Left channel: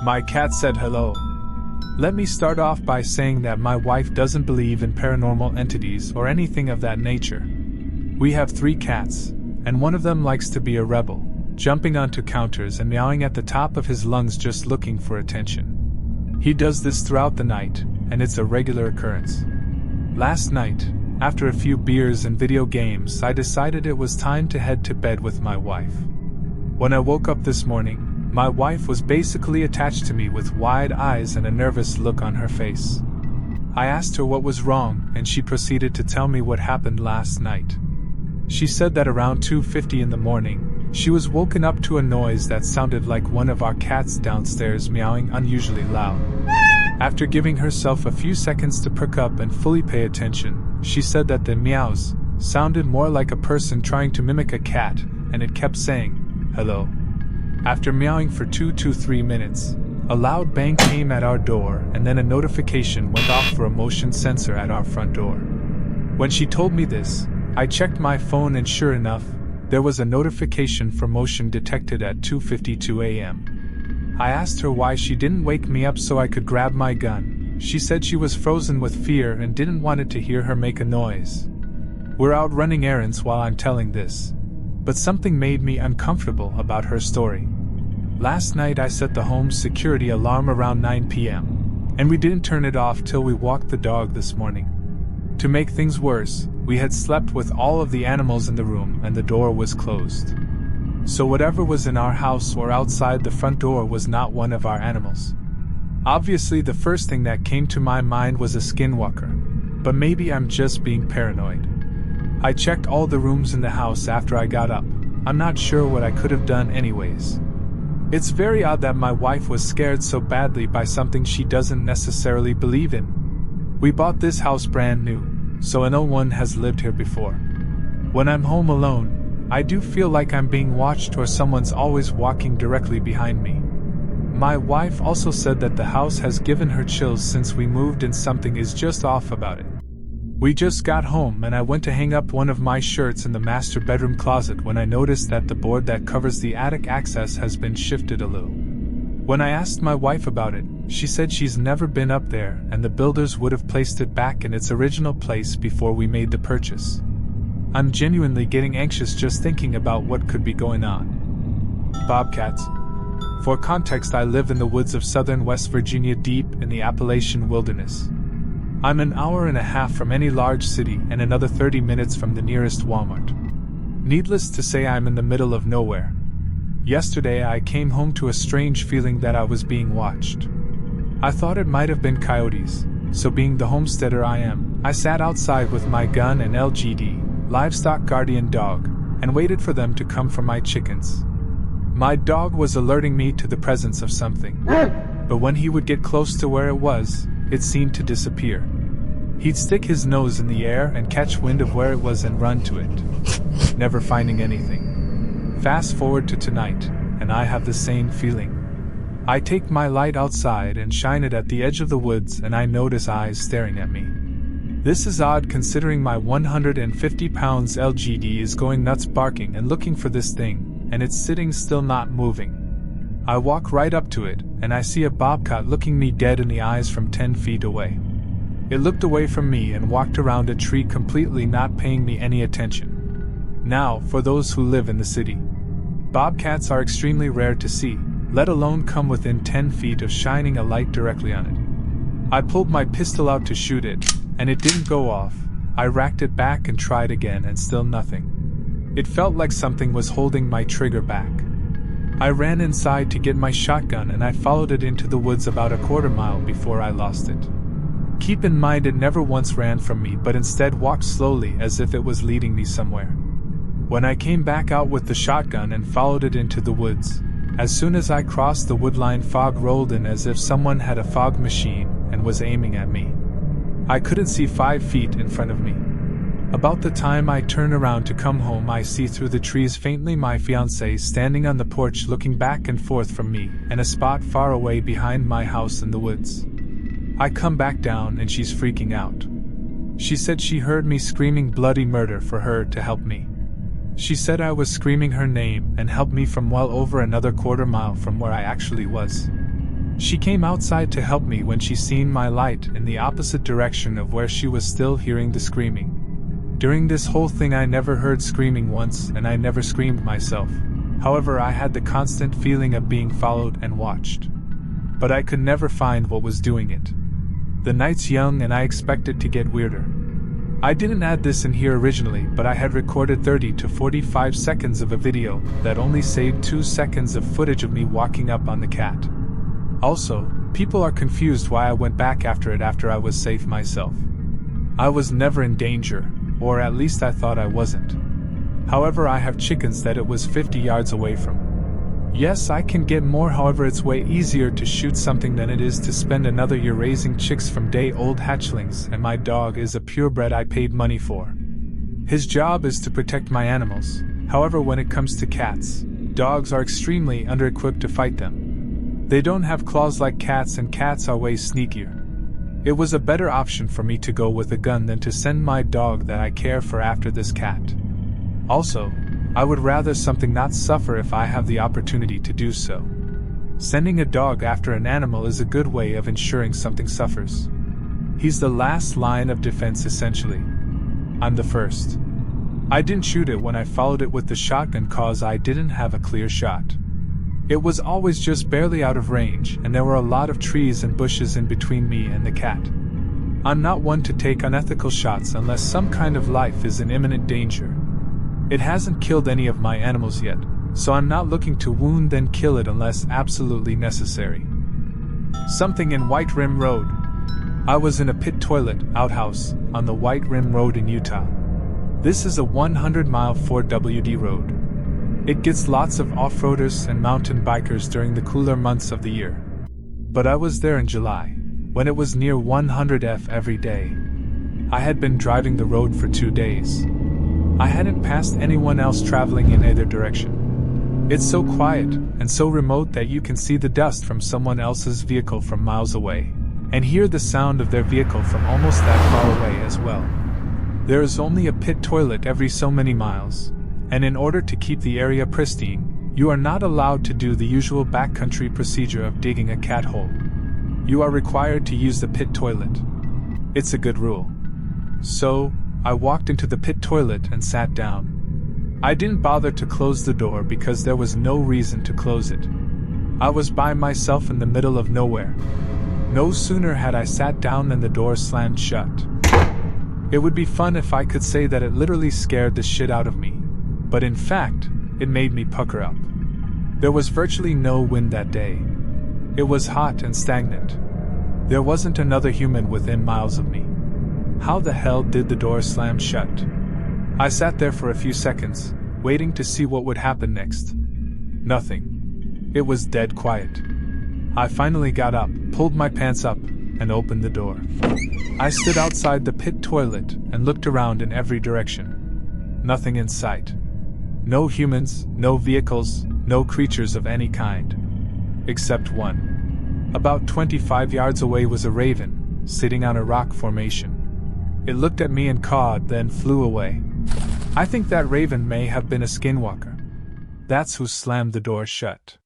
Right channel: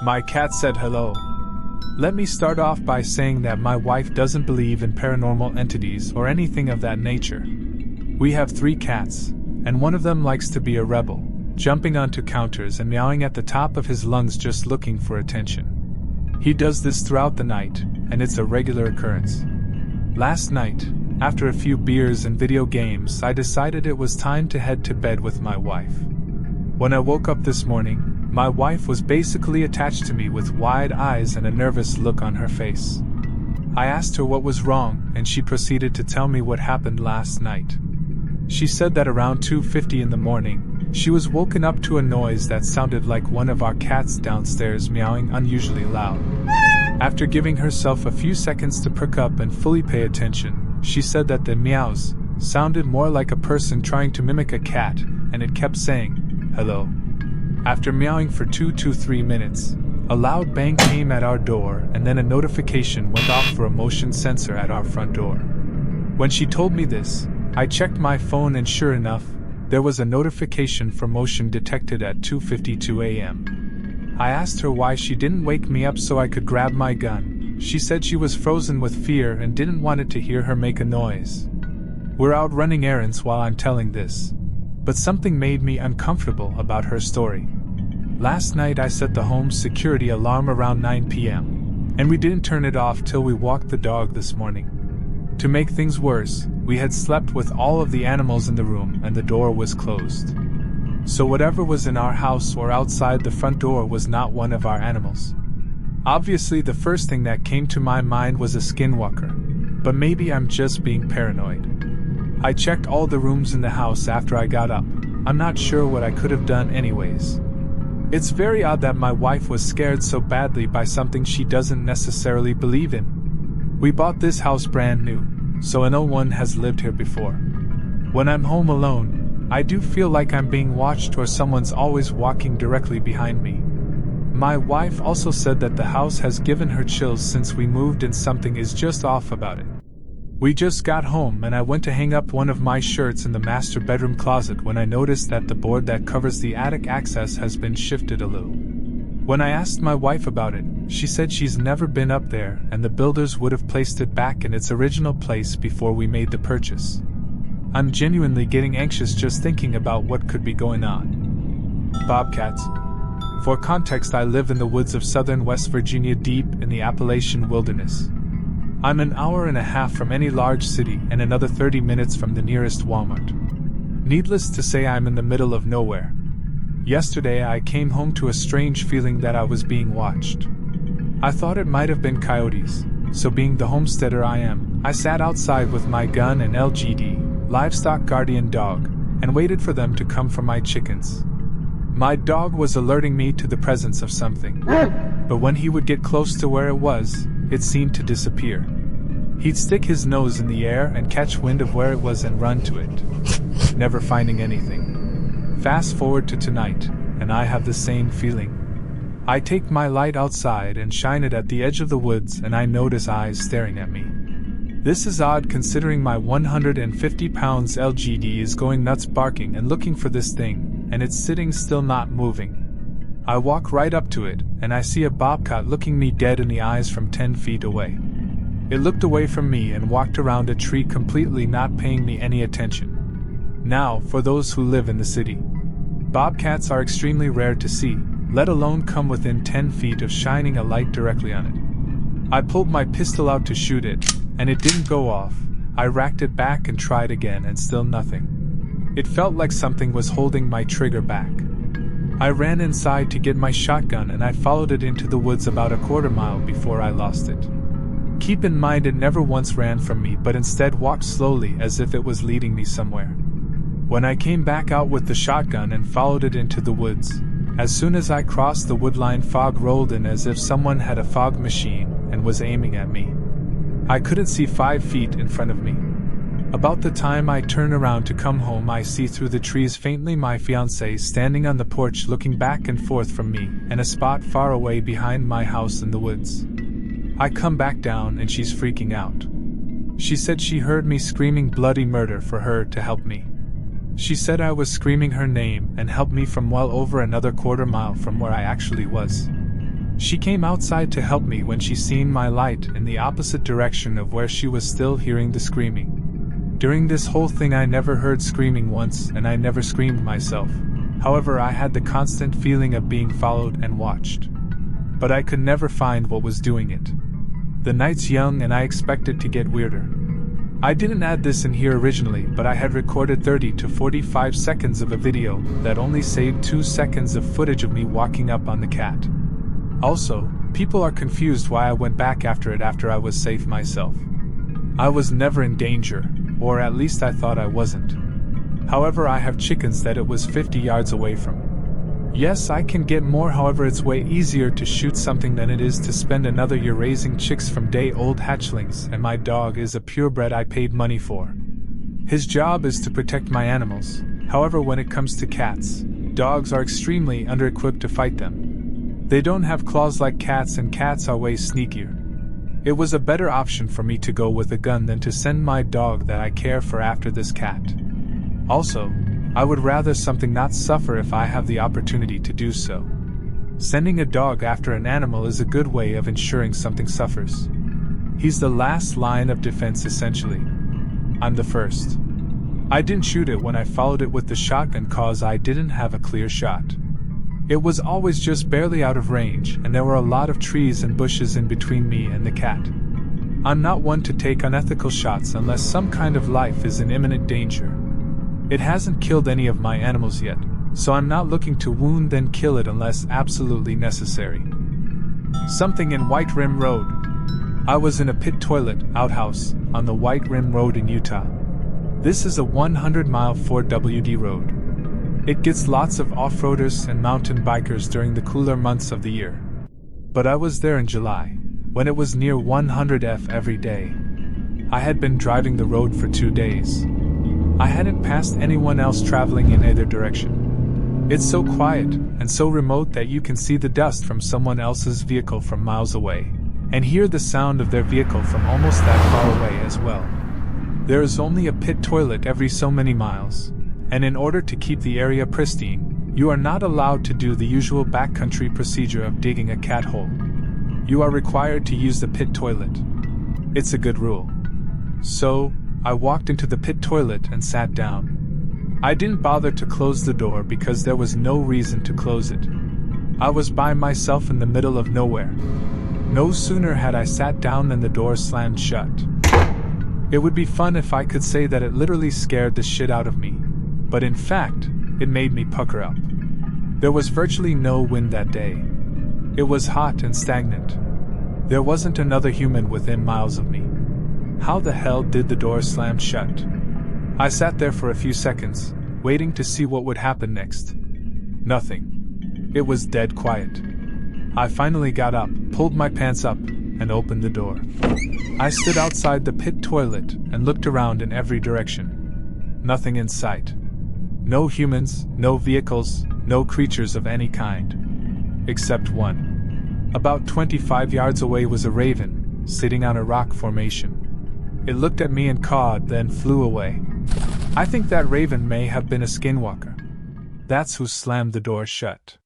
My cat said hello. Let me start off by saying that my wife doesn't believe in paranormal entities or anything of that nature. We have 3 cats, and one of them likes to be a rebel, jumping onto counters and meowing at the top of his lungs just looking for attention. He does this throughout the night, and it's a regular occurrence. Last night, after a few beers and video games, I decided it was time to head to bed with my wife. When I woke up this morning, my wife was basically attached to me with wide eyes and a nervous look on her face. I asked her what was wrong, and she proceeded to tell me what happened last night. She said that around 2:50 in the morning, she was woken up to a noise that sounded like one of our cats downstairs meowing unusually loud. After giving herself a few seconds to perk up and fully pay attention, she said that the meows sounded more like a person trying to mimic a cat, and it kept saying, "Hello." After meowing for 2 to 3 minutes, a loud bang came at our door, and then a notification went off for a motion sensor at our front door. When she told me this, I checked my phone, and sure enough, there was a notification for motion detected at 2:52 a.m. I asked her why she didn't wake me up so I could grab my gun. She said she was frozen with fear and didn't want it to hear her make a noise. We're out running errands while I'm telling this, but something made me uncomfortable about her story. Last night I set the home security alarm around 9 p.m., and we didn't turn it off till we walked the dog this morning. To make things worse, we had slept with all of the animals in the room and the door was closed. So whatever was in our house or outside the front door was not one of our animals. Obviously, the first thing that came to my mind was a skinwalker, but maybe I'm just being paranoid. I checked all the rooms in the house after I got up. I'm not sure what I could have done anyways. It's very odd that my wife was scared so badly by something she doesn't necessarily believe in. We bought this house brand new, so no one has lived here before. When I'm home alone, I do feel like I'm being watched or someone's always walking directly behind me. My wife also said that the house has given her chills since we moved and something is just off about it. We just got home and I went to hang up one of my shirts in the master bedroom closet when I noticed that the board that covers the attic access has been shifted a little. When I asked my wife about it, she said she's never been up there and the builders would have placed it back in its original place before we made the purchase. I'm genuinely getting anxious just thinking about what could be going on. Bobcats. For context, I live in the woods of southern West Virginia, deep in the Appalachian wilderness. I'm an hour and a half from any large city and another 30 minutes from the nearest Walmart. Needless to say, I'm in the middle of nowhere. Yesterday I came home to a strange feeling that I was being watched. I thought it might have been coyotes, so being the homesteader I am, I sat outside with my gun and LGD, livestock guardian dog, and waited for them to come for my chickens. My dog was alerting me to the presence of something, but when he would get close to where it was, it seemed to disappear. He'd stick his nose in the air and catch wind of where it was and run to it, never finding anything. Fast forward to tonight, and I have the same feeling. I take my light outside and shine it at the edge of the woods and I notice eyes staring at me. This is odd considering my 150 pounds LGD is going nuts barking and looking for this thing, and it's sitting still not moving. I walk right up to it, and I see a bobcat looking me dead in the eyes from 10 feet away. It looked away from me and walked around a tree completely not paying me any attention. Now, for those who live in the city, bobcats are extremely rare to see, let alone come within 10 feet of shining a light directly on it. I pulled my pistol out to shoot it, and it didn't go off. I racked it back and tried again and still nothing. It felt like something was holding my trigger back. I ran inside to get my shotgun and I followed it into the woods about a quarter mile before I lost it. Keep in mind it never once ran from me but instead walked slowly as if it was leading me somewhere. When I came back out with the shotgun and followed it into the woods, as soon as I crossed the woodline, fog rolled in as if someone had a fog machine and was aiming at me. I couldn't see 5 feet in front of me. About the time I turn around to come home, I see through the trees faintly my fiancée standing on the porch looking back and forth from me and a spot far away behind my house in the woods. I come back down and she's freaking out. She said she heard me screaming bloody murder for her to help me. She said I was screaming her name and helped me from well over another quarter mile from where I actually was. She came outside to help me when she seen my light in the opposite direction of where she was still hearing the screaming. During this whole thing I never heard screaming once, and I never screamed myself. However, I had the constant feeling of being followed and watched. But I could never find what was doing it. The night's young and I expect it to get weirder. I didn't add this in here originally, but I had recorded 30 to 45 seconds of a video that only saved 2 seconds of footage of me walking up on the cat. Also, people are confused why I went back after it after I was safe myself. I was never in danger, or at least I thought I wasn't. However, I have chickens that it was 50 yards away from. Yes, I can get more, however it's way easier to shoot something than it is to spend another year raising chicks from day-old hatchlings, and my dog is a purebred I paid money for. His job is to protect my animals. However, when it comes to cats, dogs are extremely under-equipped to fight them. They don't have claws like cats, and cats are way sneakier. It was a better option for me to go with a gun than to send my dog that I care for after this cat. Also, I would rather something not suffer if I have the opportunity to do so. Sending a dog after an animal is a good way of ensuring something suffers. He's the last line of defense essentially. I'm the first. I didn't shoot it when I followed it with the shotgun cause I didn't have a clear shot. It was always just barely out of range, and there were a lot of trees and bushes in between me and the cat. I'm not one to take unethical shots unless some kind of life is in imminent danger. It hasn't killed any of my animals yet, so I'm not looking to wound then kill it unless absolutely necessary. Something in White Rim Road. I was in a pit toilet outhouse on the White Rim Road in Utah. This is a 100-mile 4WD road. It gets lots of off-roaders and mountain bikers during the cooler months of the year. But I was there in July, when it was near 100 every day. I had been driving the road for 2 days. I hadn't passed anyone else traveling in either direction. It's so quiet and so remote that you can see the dust from someone else's vehicle from miles away, and hear the sound of their vehicle from almost that far away as well. There is only a pit toilet every so many miles, and in order to keep the area pristine, you are not allowed to do the usual backcountry procedure of digging a cat hole. You are required to use the pit toilet. It's a good rule. So, I walked into the pit toilet and sat down. I didn't bother to close the door because there was no reason to close it. I was by myself in the middle of nowhere. No sooner had I sat down than the door slammed shut. It would be fun if I could say that it literally scared the shit out of me, but in fact, it made me pucker up. There was virtually no wind that day. It was hot and stagnant. There wasn't another human within miles of me. How the hell did the door slam shut? I sat there for a few seconds, waiting to see what would happen next. Nothing. It was dead quiet. I finally got up, pulled my pants up, and opened the door. I stood outside the pit toilet and looked around in every direction. Nothing in sight. No humans, no vehicles, no creatures of any kind. Except one. About 25 yards away was a raven, sitting on a rock formation. It looked at me and cawed, then flew away. I think that raven may have been a skinwalker. That's who slammed the door shut.